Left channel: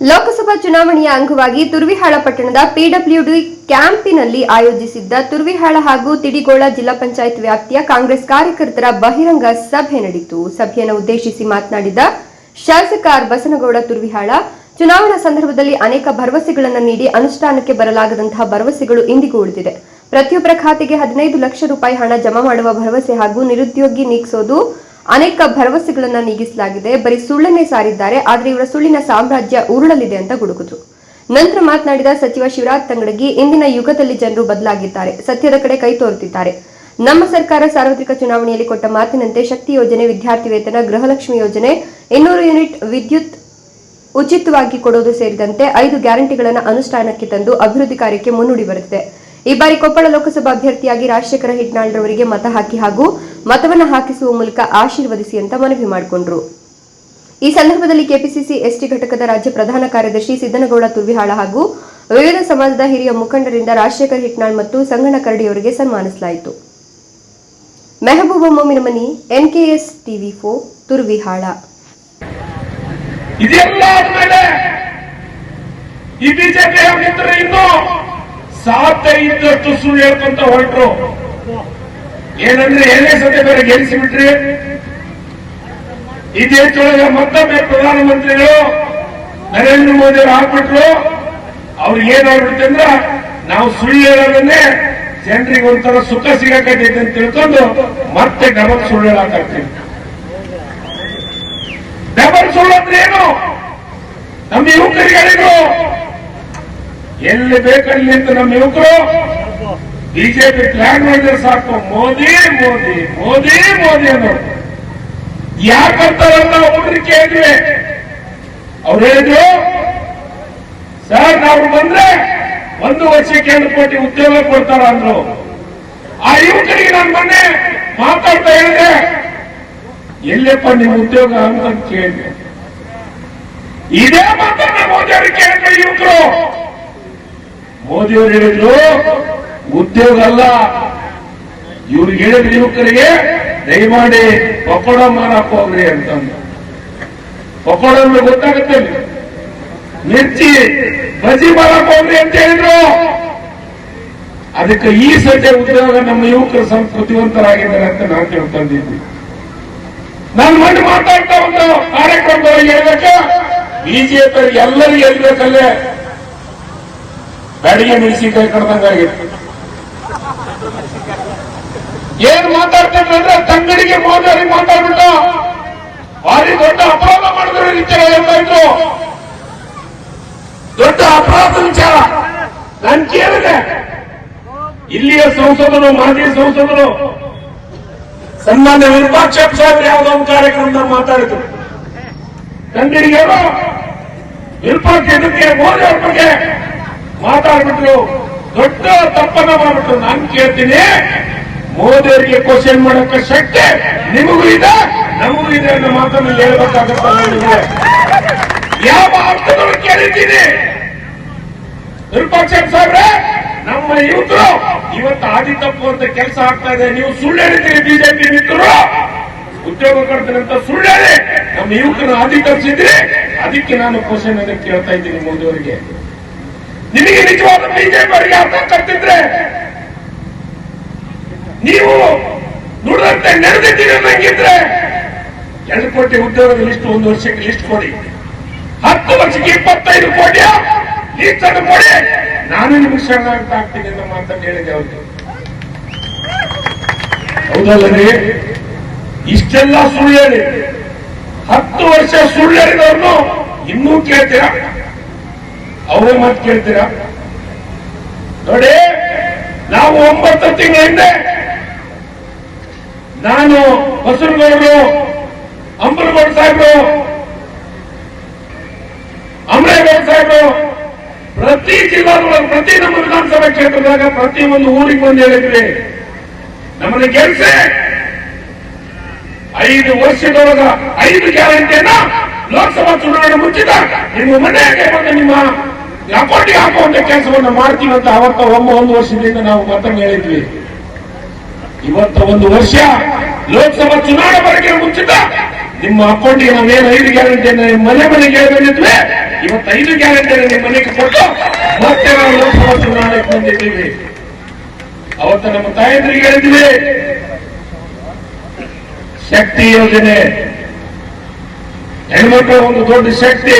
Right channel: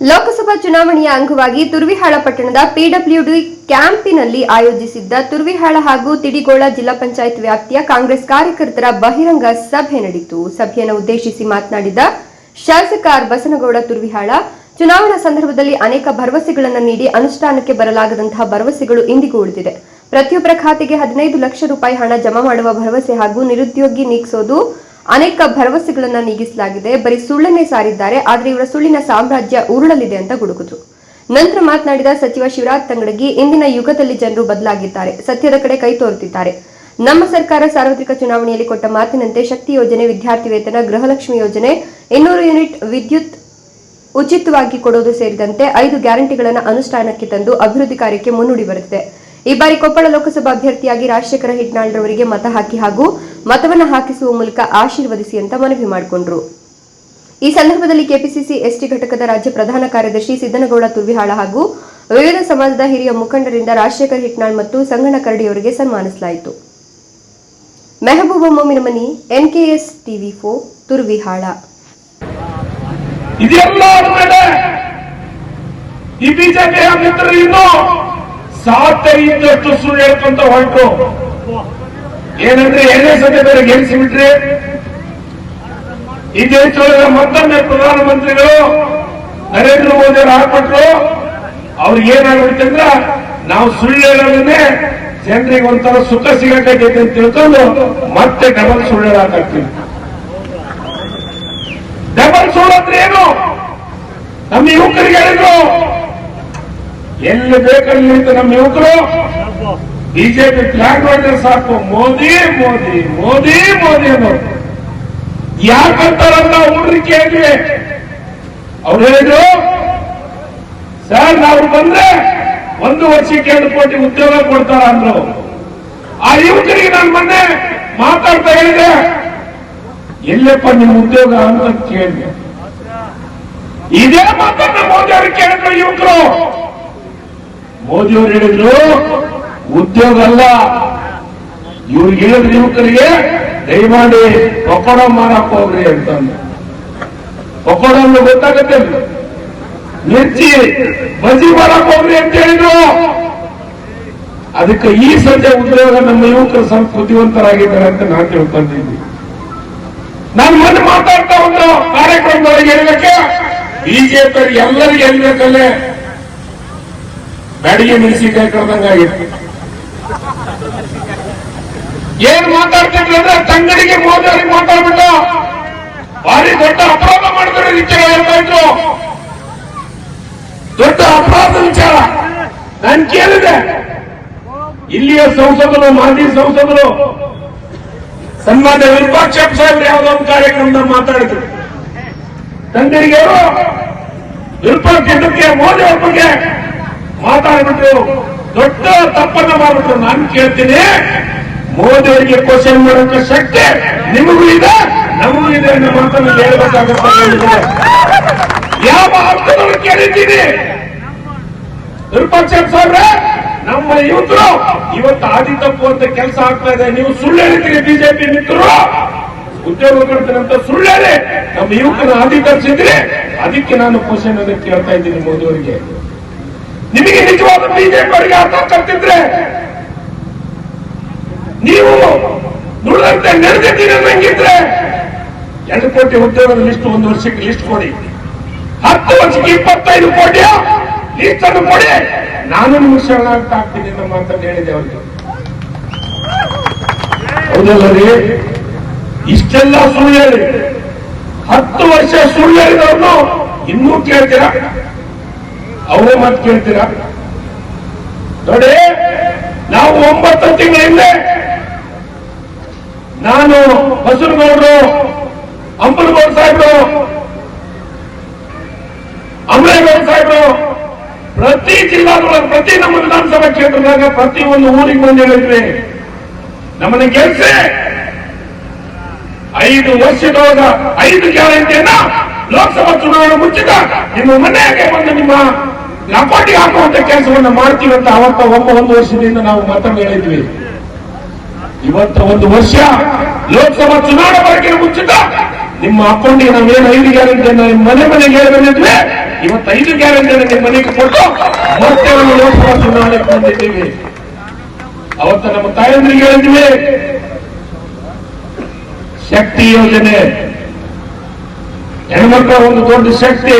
ಲೋಕಸಭಾ ಚುನಾವಣೆಯ ಅಂಗವಾಗಿ ತುರ್ವಿಹಾಳ ಪಟ್ಟಣದ ಪಿಡಬ್ಲ್ಯೂಡಿ ಕ್ಯಾಂಪಿನಲ್ಲಿ ಆಯೋಜಿಸಿದ್ದ ತುರ್ವಿಹಾಳ ಹಾಗೂ ತಿಡಿಗೋಳ ಜಿಲ್ಲಾ ಪಂಚಾಯತ್ ವ್ಯಾಪ್ತಿಯ ಕಾಂಗ್ರೆಸ್ ಕಾರ್ಯಕರ್ತರ ಬಹಿರಂಗ ಸಭೆ ನಡೆಯಿತು. ಸಭೆಯನ್ನು ಉದ್ದೇಶಿಸಿ ಮಾತನಾಡಿದ ಶಾಸಕ ಆರ್ ಬಸನಗೌಡ, ತುರ್ವಿಹಾಳ, ಚುನಾವಣಾ ಸಂದರ್ಭದಲ್ಲಿ ಅನೇಕ ಭರವಸೆಗಳನ್ನು ನೀಡಿ ಅನುಷ್ಠಾನಕ್ಕೆ ಬರಲಾಗದಂತಹ ಭರವಸೆಗಳು ಇಂದಿಗೂ ಉಳಿದಿದೆ. ಪ್ರತಿಯೊಬ್ಬರ ಖಾತೆಗೆ ಹದಿನೈದು ಲಕ್ಷ ರೂಪಾಯಿ ಹಣ ಜಮಾ ಮಾಡುವ ಭರವಸೆ ಹಾಗೂ ನಿರುದ್ಯೋಗಿ ನೀಗಿಸೋದು ಅನೇಕ ಭರವಸೆಗಳನ್ನ ನೀಗಿಸಲಾಗಿದೆ. ಬರೀ ಸುಳ್ಳನ್ನೇ ಸಾರಿದ್ದಾರೆ, ಆದರೆ ಇವರ ಸುಳ್ಳಿನ ಸಾಮ್ರಾಜ್ಯ ಉರುಳಲಿದೆ ಅಂತ ಗುಡುಗಿದ್ರು ನಂತರ ಮಾತನಾಡಿದ ಸಚಿವ ಶಿವರಾಜ್ ತಂಗಡಗಿ, ಇಂದಿನ ಯುಗದಲ್ಲಿ ಜನರು ಬದಲಾಗಿದ್ದಾರೆ, ಸತ್ಯದ ಕಡೆ ಕೈ ತೋರುತ್ತಿದ್ದಾರೆ ನಮ್ಮ ಸರ್ಕಾರ ಸಾರ್ವತ್ರಿಕ ಚುನಾವಣೆಯಲ್ಲಿ ಕೊಟ್ಟ ಮಾತಿನಂತೆ ಶಕ್ತಿ ಯೋಜನೆ, ವಿದ್ಯಾರ್ಥಿ ವೇತನ, ಗೃಹಲಕ್ಷ್ಮಿ ಯೋಜನೆ, ಇನ್ನೂರು ಯೂನಿಟ್ ವಿದ್ಯುತ್ ಉಚಿತವಾಗಿ ಕೊಡೋದು ಸೇರಿದಂತೆ ಐದು ಗ್ಯಾರಂಟಿಗಳನ್ನು ಅನುಷ್ಠಾನಕ್ಕೆ ತಂದು ಅಭಿವೃದ್ಧಿ ಕಾರ್ಯಕ್ಕೆ ಮುನ್ನುಡಿ ಬರುತ್ತಿದೆ ಈ ಬಾರಿ ಕೊಪ್ಪಳ ಲೋಕಸಭಾ ಅಭ್ಯರ್ಥಿಯಾಗಿ ರಾಜಶೇಖರ ಹಿಟ್ನಾಳ್ರವರಿಗೆ ಮತ ಹಾಕಿ ಹಾಗೂ ಮತವನ್ನು ಹಾಕಿಸುವ ಮೂಲಕ ಆಶೀರ್ವದಿಸಿ ಅಂತ ಮನವಿ ಮಾಡಿಕೊಂಡ್ರು. ಈ ಸಂದರ್ಭದಲ್ಲಿ ಕೆಪಿಸಿಸಿ ಎಸ್ಟಿ ಘಟಕದ ರಾಜ್ಯ ಪ್ರಧಾನ ಕಾರ್ಯದರ್ಶಿ ಸಿದ್ದನಗೌಡ ತುರ್ವಿಹಾಳ ಹಾಗೂ ವಿವಿಧ ಸಮಾಜದ ಹಿರಿಯ ಮುಖಂಡರಿಂದ ರಾಜಶೇಖರ್ ಹಿಟ್ನಾಳ್ ಮತ್ತು ಸಂಗಣ್ಣ ಕರಡಿಯವರಿಗೆ ಸನ್ಮಾನಿಸಲಾಯಿತು. Mehaboob Momin Mani NKS TV four, Turvihal. ಸಾಧ್ಯ ಇದ್ದಷ್ಟು ಸುಳ್ಳು ಹೇಳ್ಕೊಂತ ಹೊರಟು ಏನಂದ್ರೆ ಎರಡನೇ ಸಭೆ ಬೇರೆ ಗೆಲ್ಲಿಸಿಬಿಟ್ರೆ ಈ ದೇಶದೊಳಗೆ ಮತ್ತೊಮ್ಮೆ ಪ್ರಧಾನಮಂತ್ರಿಗಳು ನರೇಂದ್ರ ಮೋದಿ ಅವರು ಹಾಕ್ಬಿಟ್ರು. ಅವ್ರಿಗೆ ಏನಾಗ್ಬಿಡುತ್ತೆ ಅಂದ್ರ ನಾವು ಸುಳ್ಳು ಹೇಳೋದನ್ನೇ ಜನರಿಗೆ ಒಂಥರ ಸುಖ ಸಿಗಕೈತೆ ಅಂತ ತಿಳ್ಕೊಂಡು ಮತ್ತೆ ಡಬಲ್ ಸುಳ್ಳು ಹೇಳಕ್ಕಾಗ್ತೀವಿ ಡಬಲ್ ಸುಳ್ಳು ಅಂದ್ರೆ ಏನು? ನಮ್ಮ ಯುವಕರಿಗೆ ಹೇಳಿದ್ರು ಎಲ್ಲಿ ಬೇಕಲ್ಲಿ ನಿಂತು ನಮ್ಮ ಯುವಕರು? ಬಿಜೆಪಿ ಪ್ಲಾನ್ ಮಾಡಿದ್ರೆ ಸಾಕು. ಮೋದಿ ಮೋದಿ ಮೋದಿ ಮೋದಿ ಅನ್ನೋದು ಯಾಕಂತಾರಲ್ಲ ಹುಡುಗಿ ಕೇಳಿದ್ವಿ ಅವ್ರು ಹೇಳಿದ್ರು, ಸರ್ ನಾವು ಬಂದ್ರೆ ಒಂದು ವರ್ಷಕ್ಕೆ ಎರಡು ಕೋಟಿ ಉದ್ಯೋಗ ಕೊಡ್ತಾರ? ಅಂದ್ರು. ಆ ಯುವಕರಿಗೆ ನಾನು ಮೊನ್ನೆ ಮಾತಾಡ್ತಾ ಹೇಳಿದೆ. ಎಲ್ಲಪ್ಪ ನಿಮ್ಮ ಉದ್ಯೋಗ? ಅಂತ ಕೇಳಿದೆ. ಇದೇ ಮಾತನ್ನ ಮೋದಿ ಅವ್ರಿಗೆ ಕೇಳಿದ್ರು ಯುವಕರು. ಮೋದಿ ಅವರು ಹೇಳಿದ್ರು, ಉದ್ಯೋಗ ಅಲ್ಲ. ಇವ್ರಿಗೆ ಹೇಳಿದ್ರು ಯುವಕರಿಗೆ, ದಯಮಾಡಿ ಪಕೋಡ ಮಾರಕ್ ಹೋಗ್ರಿ ಅಂತಂದು ಪಕೋಡ ಅಂದ್ರೆ ಗೊತ್ತಾಗತ್ತೆ ಮಿರ್ಚಿ ಬಜಿ ಮಾರಕ್ ಹೋಗ್ರಿ ಅಂತ ಹೇಳಿದ್ರು. ಅದಕ್ಕೆ ಈ ಸದ್ಯ ಉದ್ಯೋಗ ನಮ್ಮ ಯುವಕರು ಸ್ವಲ್ಪ ಬುದ್ಧಿವಂತರಾಗಿದ್ದಾರೆ ಅಂತ ನಾನು ತಿಳ್ಕೊಂಡಿದ್ದೀನಿ. ನಾನು ಮೊನ್ನೆ ಮಾತಾಡ್ತಾ ಒಂದು ಕಾರ್ಯಕ್ರಮದವರಿಗೆ ಹೇಳಿದಕ್ಕೆ ಬಿಜೆಪಿ ಎಲ್ಲರಿಗೂ ಹೇಳ್ಬೇಕಲ್ಲೇ ನಡಿಗೆ ನಿಲ್ಲಿಸಿದ್ದೆ ಕಡ್ದಂಗಾಗಿತ್ತು ಏನ್ ಮಾತಾಡ್ತಿದ್ರು ಅಂದ್ರೆ ತಂಗಡಿಗೆ ಮೋದಿ ಮಾತಾಡ್ಬಿಟ್ಟು ಭಾರಿ ದೊಡ್ಡ ಅಪರಾಧ ಮಾಡಿದ್ರು ವಿಚಾರ ಹೇಳ್ತಾ ಇದ್ರು. ದೊಡ್ಡ ಅಪರಾಧ ವಿಚಾರ ನಾನು ಕೇಳಿದೆ. ಇಲ್ಲಿಯ ಸಂಸದರು, ಮಾಜಿ ಸಂಸದರು, ಸನ್ಮಾನ್ಯ ವಿರೂಪಾಕ್ಷಪ್ಪ ಸಾಹೇಬ್ ಯಾವುದೋ ಒಂದು ಕಾರ್ಯಕ್ರಮದಲ್ಲಿ ಮಾತಾಡಿದ್ರು. ತಂಗಡಿಗೆ ವಿರೂಪಾಕ್ಷ ಮೋದಿ ಅವ್ರ ಬಗ್ಗೆ ಮಾತಾಡ್ಬಿಟ್ಟು ದೊಡ್ಡ ತಪ್ಪನ್ನ ಮಾಡ್ಬಿಟ್ಟು ನಾನು ಕೇಳ್ತೀನಿ. ಮೋದಿ ಅವರಿಗೆ ಕ್ವಶನ್ ಮಾಡೋಕೆ ಶಕ್ತಿ ನಿಮಗೂ ಇದೆ, ನಮಗೂ ಇದೆ ಅನ್ನೋ ಮಾತನ್ನು ಹೇಳಬೇಕಾಗುತ್ತೆ. ಯಾವ ಅರ್ಥದಲ್ಲಿ ಕೇಳಿದ್ದೀನಿ? ವಿರೂಪಾಕ್ಷ ಸಾಹೇಬ್ರೆ, ನಮ್ಮ ಯುವಕರು ಇವತ್ತು ಆದಿ ತಪ್ಪು ಅಂತ ಕೆಲಸ ಆಗ್ತಾ ಇದೆ. ನೀವು ಸುಳ್ಳು ಹೇಳಿದ್ದೀರಿ ಬಿಜೆಪಿ ಮಿತ್ರರು. ಉದ್ಯೋಗ ಕೊಡ್ತೀನಿ ಅಂತ ಸುಳ್ಳು ಹೇಳಿ ನಮ್ಮ ಯುವಕನ ಆದಿ ತಪ್ಪಿಸಿದ್ರಿ ಅದಕ್ಕೆ ನಾನು ಕ್ವಶನ್ ಅದಕ್ಕೆ ಕೇಳ್ತಾ ಇದ್ದೀನಿ ಮೋದಿ ಅವರಿಗೆ ನಿಮಗೆ ನಿಜವಾದ ಬಿಜೆಪಿ ಅವರಿಗೆ ಅರ್ಥ ಕರ್ತಿದ್ರೆ, ನೀವು ನುಡಿದಂತೆ ನಡೆದಿದ್ದೀರಿ ನಂಗಿದ್ರೆ ಎರಡು ಕೋಟಿ ಉದ್ಯೋಗದ ಲಿಸ್ಟ್ ಒಂದು ವರ್ಷಕ್ಕೆ ಲಿಸ್ಟ್ ಕೊಡಿ. ಹತ್ತು ವರ್ಷಕ್ಕೆ ಇಪ್ಪತ್ತೈದು ಕೋಟಿ ಲಿಸ್ಟ್ ಅನ್ನು ಕೊಡಿ. ನಾನು ನಿಮ್ಗೆ ಶರಣಾಗ್ತಾ ಆಗ್ತೀನಿ ಅಂತ ಹೇಳಿದೆ ಅವರಿಗೆ. ಹೌದಲ್ಲ ರೀ ಇಷ್ಟೆಲ್ಲ ಸುಳ್ಳು ಹೇಳಿ. ಹತ್ತು ವರ್ಷ ಸುಳ್ಳು ಹೇಳಿದವ್ರನ್ನು ಇನ್ನೂ ಕೇಳ್ತೀರಾ? ಅವರೇ ಮಾತು ಕೇಳ್ತೀರಾ? ನೋಡಿ, ನಾವು ಒಂಬತ್ತು ತಿಂಗಳ ಹಿಂದೆ ನಾನು ಬಸವನಗೌಡರು ಅಂಬಲಗೌಡ ಸಾಹೇಬರು, ಅಮರೇಗೌಡ ಸಾಹೇಬರು, ಪ್ರತಿ ಜಿಲ್ಲಾದೊಳಗೆ ಪ್ರತಿ ನಮ್ಮ ವಿಧಾನಸಭಾ ಕ್ಷೇತ್ರದಾಗ ಪ್ರತಿ ಒಂದು ಊರಿಗೆ ಬಂದು ಹೇಳಿದ್ವಿ. ನಮ್ಮನ್ನ ಗೆಲ್ಸಿ, ಐದು ವರ್ಷದೊಳಗ ಐದು ಗ್ಯಾರಂಟಿಯನ್ನ ಲೋಕಸಭಾ ಚುನಾವಣೆ ಮುಚ್ಚಿದ ನಿಮ್ಮ ಮನೆಗೆ ಬಂದು ನಿಮ್ಮ ಲಕೋಟಿ ಹಾಕುವಂತ ಕೆಲಸವನ್ನು ಮಾಡ್ತೀವಿ ಅಂತ ಅವತ್ತ ಒಬ್ಬ ಒಂದು ವರ್ಷದಿಂದ ನಾವು ಮತ್ತೊಮ್ಮೆ ಹೇಳಿದ್ವಿ. ಇವತ್ತ ಒಂದು ವರ್ಷ ಲೋಕಸಭಾ ಚುನಾವಣೆ ಬಗ್ಗೆ ಮುಂಚಿತ ನಿಮ್ಮ ಅಕೌಂಟಿಗೆ ನಾವೇನು ಐದು ಗ್ಯಾರಂಟಿಯನ್ನು ನಿಮ್ಮ ಮನೆ ಮನೆಗೆ ಹೇಳಿದ್ವಿ ಇವತ್ತು ಐದು ಗ್ಯಾರಂಟಿ ನಿಮ್ಮ ಮನೆಗೆ ಕೊಟ್ಟು ಮತ್ತೆ ನಾವು ಲೋಕಸಭಾ ಚುನಾವಣೆಗೆ ಬಂದಿದ್ದೀವಿ. ಅವತ್ತ ನಮ್ಮ ತಾಯಂದ್ರಿಗೆ ಹೇಳಿದ್ವಿ. ಶಕ್ತಿ ಯೋಜನೆ. ಹೆಣ್ಮಕ್ಳ ಒಂದು ದೊಡ್ಡ ಶಕ್ತಿ.